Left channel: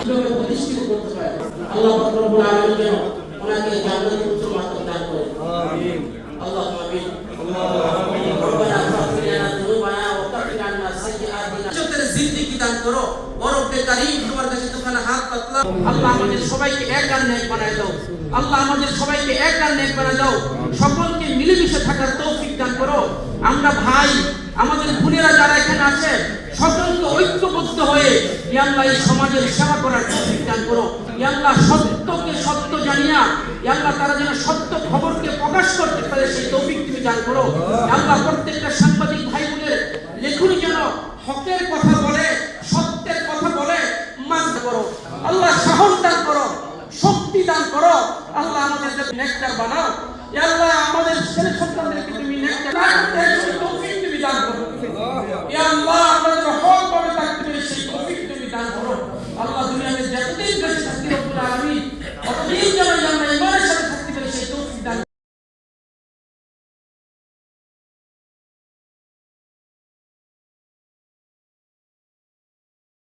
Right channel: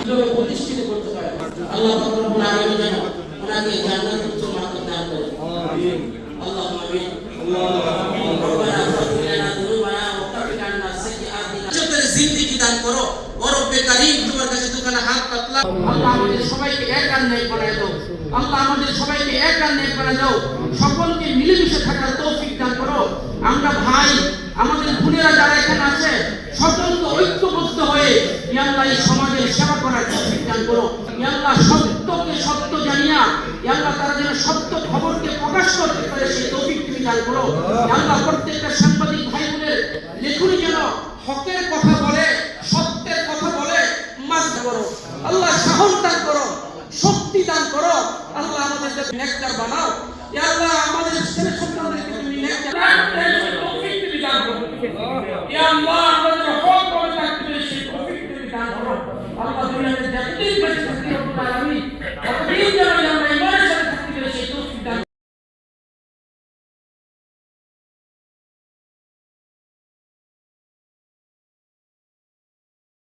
প্রতিষ্ঠিত করতে পারে। আল্লাহ পাক রব্বুল আলামিন যেন ওনাকে জান্নাতের উচ্চ মার্তবা দান করে। আমিন। আল্লাহুম্মা আমিন। রব্বানা ফাগফির লানা যুনুবানা ওয়া কাফির আন্না সাইয়্যাতিনা। ইজ্জতের জিন্দেগি দান করো। ও রব্বে কারীম, তোমার কাছে দুখানা হাত পাতলাম। আল্লাহ আমাদের সবাইকে এক আর নেক বানায় দাও। আল্লাহ আমাদের সবাইকে এক আর নেক বানায় দাও। সকলকে মিলেমিশে থাকার তৌফিক দান করো। আমরা ভাই, আমাদের বোনেরা যারা এখানে আছে, সকলকে ঐক্যবদ্ধ হয়ে ইয়া আল্লাহ এই সমাজের সেবা করার তৌফিক দান করো। ইয়া আল্লাহ সত্যকে সত্য জানিয়া ইয়া আল্লাহ তারা যেন সত্য খবরকে প্রকাশ করতে পারে সেই তৌফিক তুমি দান করো। ইয়া আল্লাহ প্রত্যেকটা সাংবাদিক ভাই বোনের লেখনী যেন হকের কথা বলে, সত্যের কথা বলে, মাঝ করো। আল্লাহ সাহস দান করো, শক্তি দান করো। আল্লাহ আমাদেরকে নেককার বানাও। ইয়া আল্লাহ আমাদের ছেলে সন্তানদেরকে তুমি নেককার তৌফিক তুমি দান করো। ইয়া আল্লাহ আমাদের হক করে থাকবে সেই তৌফিক তুমি দান করো। আল্লাহ দুনিয়াতে যতদিন বেঁচে থাকি রব্বুল আলামিন ততদিন যেন আমরা